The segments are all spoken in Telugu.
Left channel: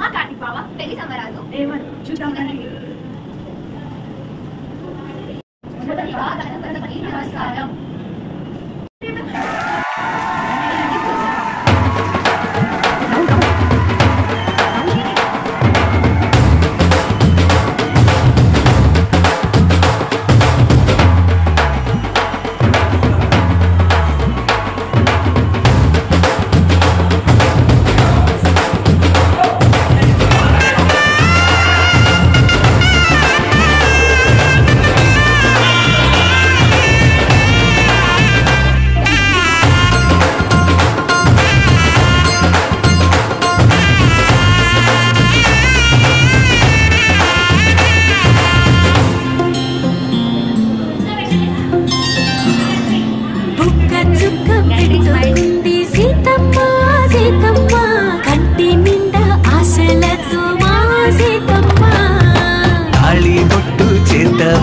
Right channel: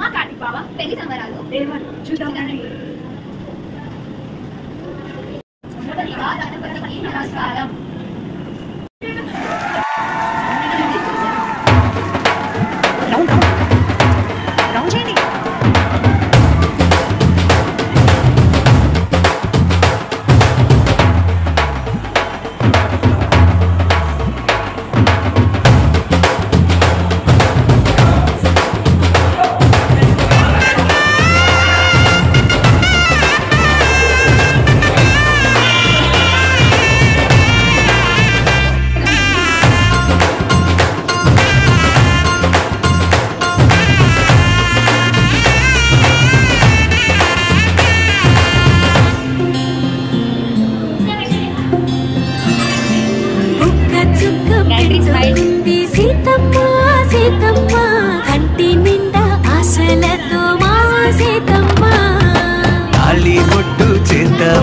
మా కార్తిక్ బావ పెళ్లి సంబరాలు చూద్దాం. మొదటిగా గణపతికి నమస్కారం.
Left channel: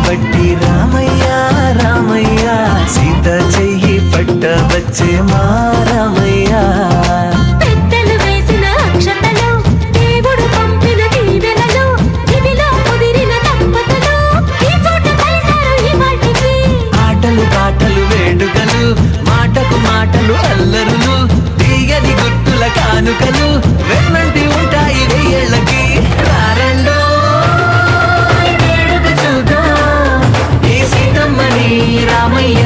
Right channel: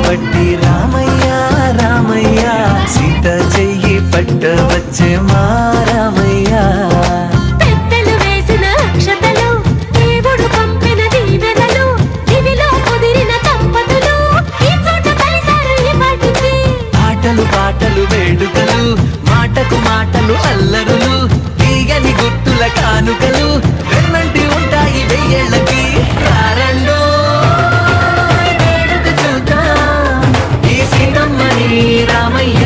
బట్టి రామయ్య రామయ్య సీత చెయ్యి పట్టవచ్చే మా రామయ్య. పెద్దలు వేసిన అక్షతలు దేవుడు పంపిన దీవెనలు ఇవిలో కుదిరిన దంపతులు ఈ చోట కలిసారు ఈ పాటికి. ఆటలు పాటలు వేడుకలు మాటకు మాటలు అల్లరులు తీయని గుర్తుల కానుకలు వెన్నంటి ఉంటాయి వెయ్యేళ్ళకి. రారండో రామయ్య